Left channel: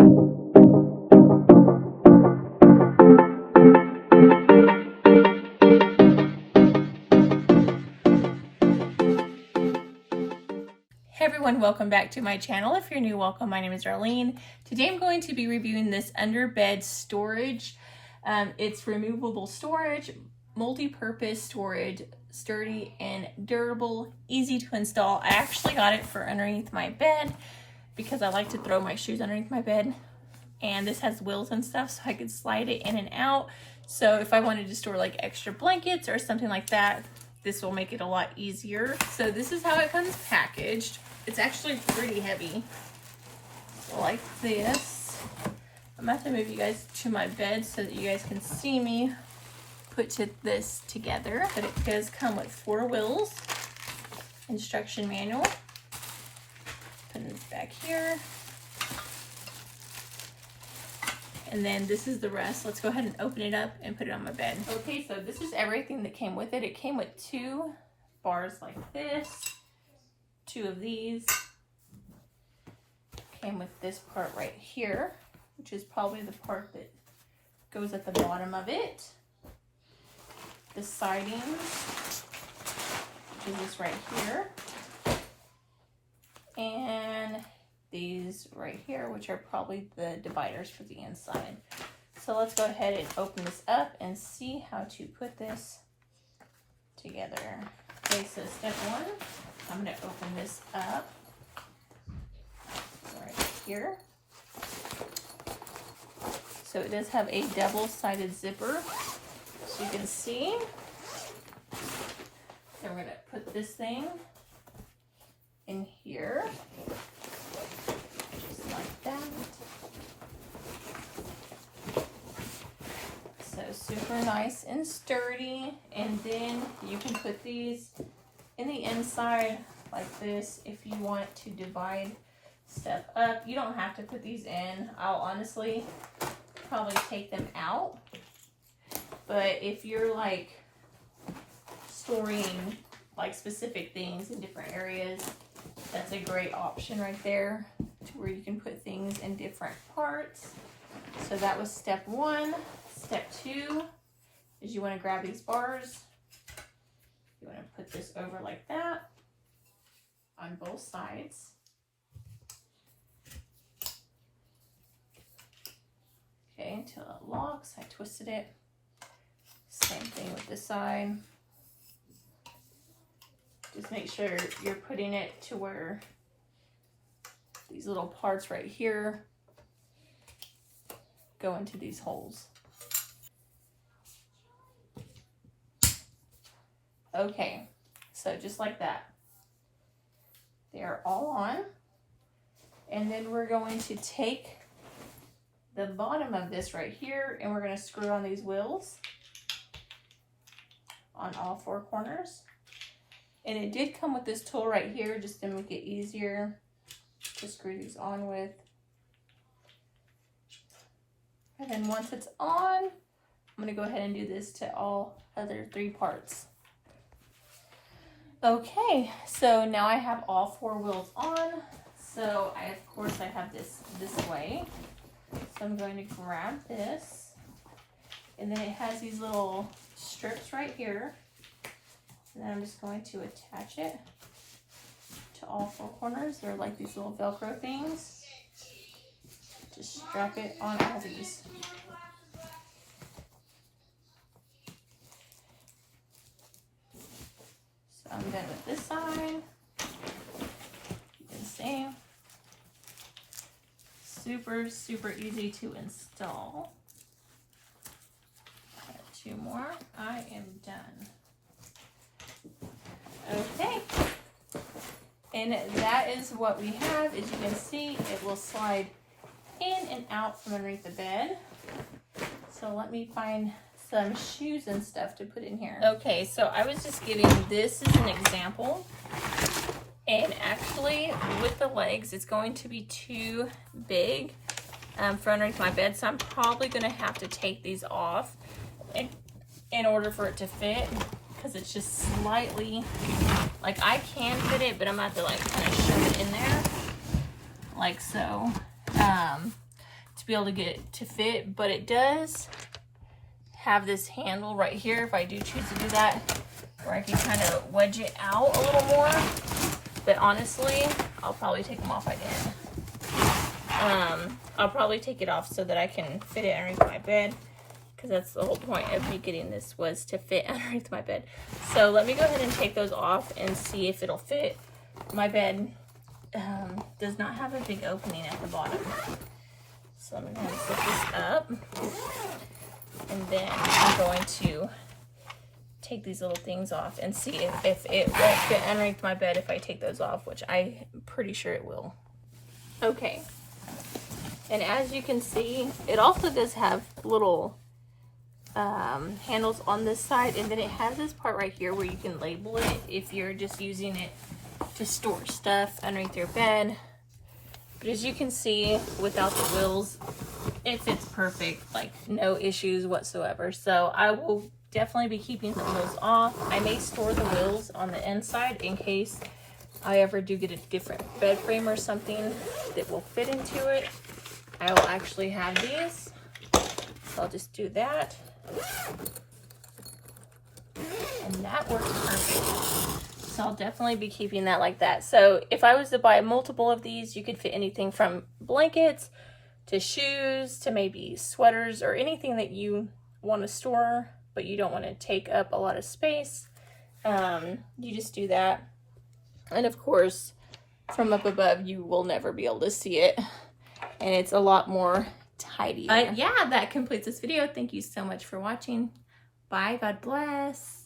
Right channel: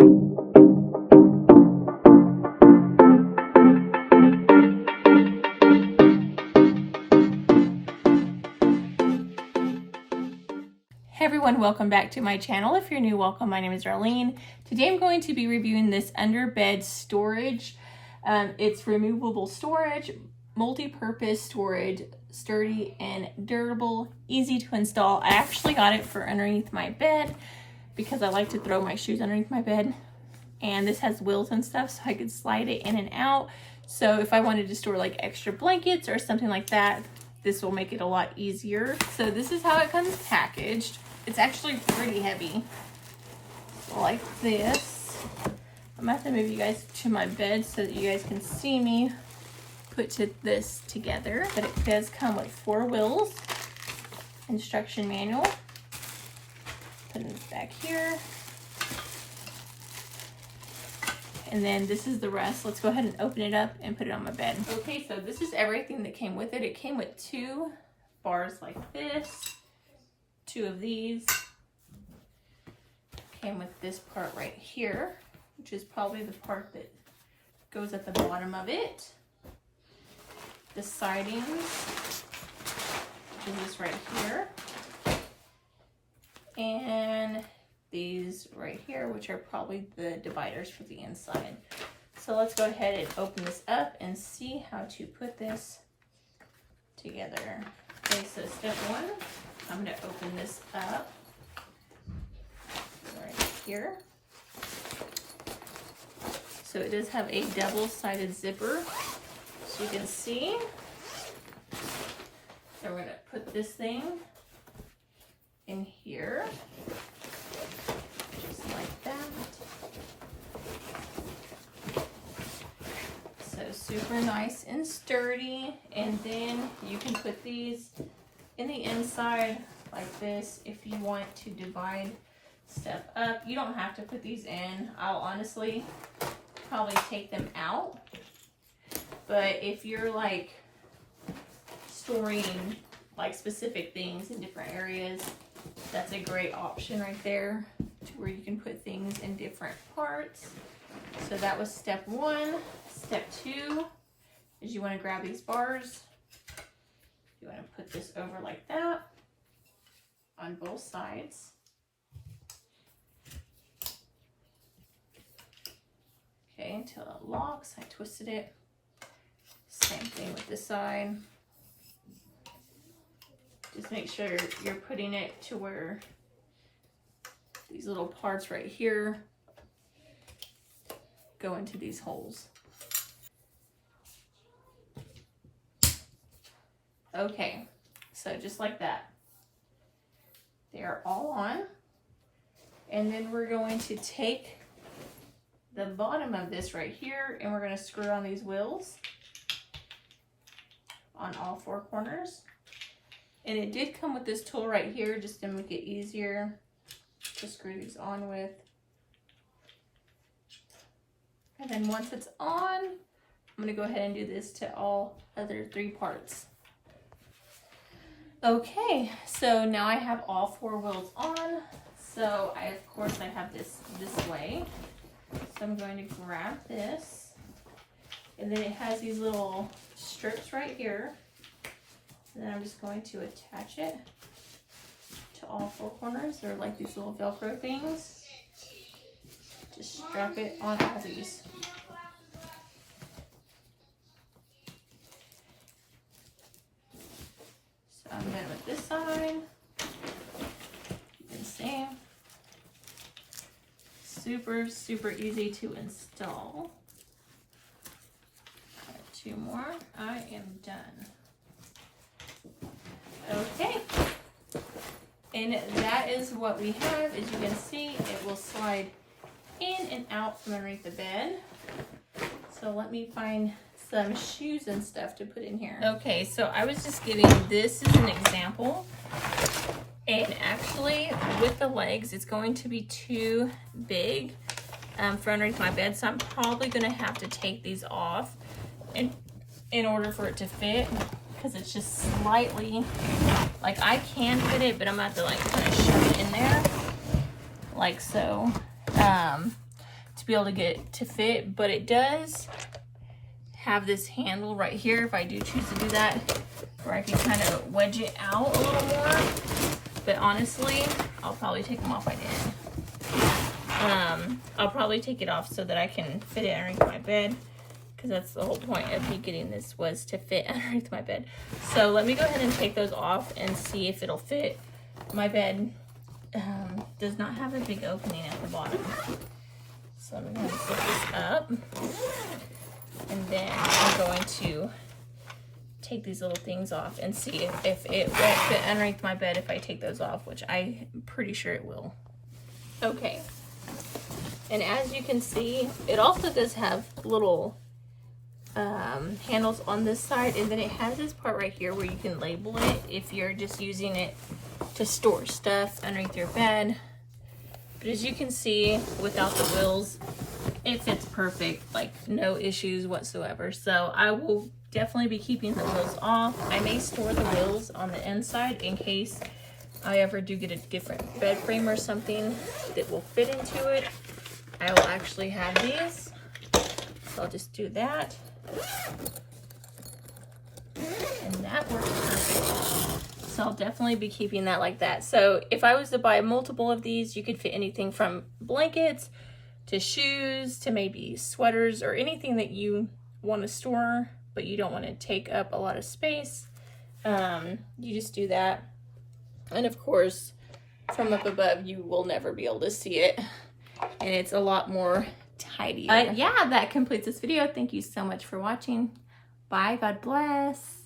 Hey everyone, welcome back to my channel. If you're new, welcome. My name is Darlene. Today I'm going to be reviewing this Underbed storage. It's removable storage, multi-purpose storage, sturdy and durable, easy to install. I actually got it for underneath my bed because I like to throw my shoes underneath my bed. And this has wheels and stuff, so I could slide it in and out. So if I wanted to store like extra blankets or something like that, this will make it a lot easier. So this is how it comes packaged. It's actually pretty heavy, so like this. I'm gonna have to move you guys to my bed so that you guys can see me put this together. But it does come with 4 wheels, instruction manual. Putting this back here. And then this is the rest. Let's go ahead and open it up and put it on my bed. Okay, so this is everything that came with it. It came with 2 bars like this. 2 of these. Came with this part right here, which is probably the part that goes at the bottom of it. The sidings is this right here. And these right here, which are probably the dividers for the inside. So let's go ahead and open this up and see how to put this together. Okay, so step 1. I'm going to open this up right here. So it does have a double-sided zipper, so you can see. So we're going to put this thing in here, just like that. So super nice and sturdy. And then you can put these in the inside like this if you want to divide stuff up. You don't have to put these in. I'll honestly probably take them out. But if you're like storing like specific things in different areas, that's a great option right there to where you can put things in different parts. So that was step 1. Step 2 is you want to grab these bars. You want to put this over like that on both sides. Okay, until it locks. I twisted it. Same thing with this side. Just make sure you're putting it to where these little parts right here go into these holes. Okay, so just like that. They are all on. And then we're going to take the bottom of this right here and we're going to screw on these wheels on all 4 corners. And it did come with this tool right here just to make it easier to screw these on with. And then once it's on, I'm going to go ahead and do this to all other 3 parts. Okay, so now I have all 4 wheels on. So of course I have this way. So I'm going to grab this. And then it has these little strips right here. And then I'm just going to attach it to all 4 corners. They're like these little Velcro things. Just strap it on all these. I'm done with this side. The same. Super easy to install. Got 2 more. I am done. Okay. And that is what we have. As you can see, it will slide in and out from underneath the bed. So let me find some shoes and stuff to put in here. Okay, so I was just getting this as an example. And actually, with the legs, it's going to be too big for underneath my bed. So I'm probably going to have to take these off in order for it to fit. Because it's just slightly, like I can fit it, but I'm going to have to like kind of shove it in there. Like so. be able to get it to fit, but it does have this handle right here if I do choose to do that, where I can kind of wedge it out a little more. But honestly, I'll probably take them off. I didn't. I'll probably take it off so that I can fit it underneath my bed, because that's the whole point of me getting this, was to fit underneath my bed. So let me go ahead and take those off and see if it'll fit. My bed does not have a big opening at the bottom. So I'm going to flip this up, and then I'm going to take these little things off and see if it won't fit underneath my bed if I take those off, which I'm pretty sure it will. Okay, and as you can see, it also does have little handles on this side, and then it has this part right here where you can label it if you're just using it to store stuff underneath your bed. But as you can see, without the wheels, it fits perfect, like no issues whatsoever. So I will definitely be keeping the wheels off. I may store the wheels on the inside in case I ever do get a different bed frame or something that will fit into it. I will actually have these, so I'll just do that, and that works perfect. So I'll definitely be keeping that like that. So if I was to buy multiple of these, you could fit anything from blankets to shoes to maybe sweaters or anything that you want to store but you don't want to take up a lot of space. You just do that. And of course, from up above, you will never be able to see it. And it's a lot more tidier. Yeah, that completes this video. Thank you so much for watching. Bye. God bless.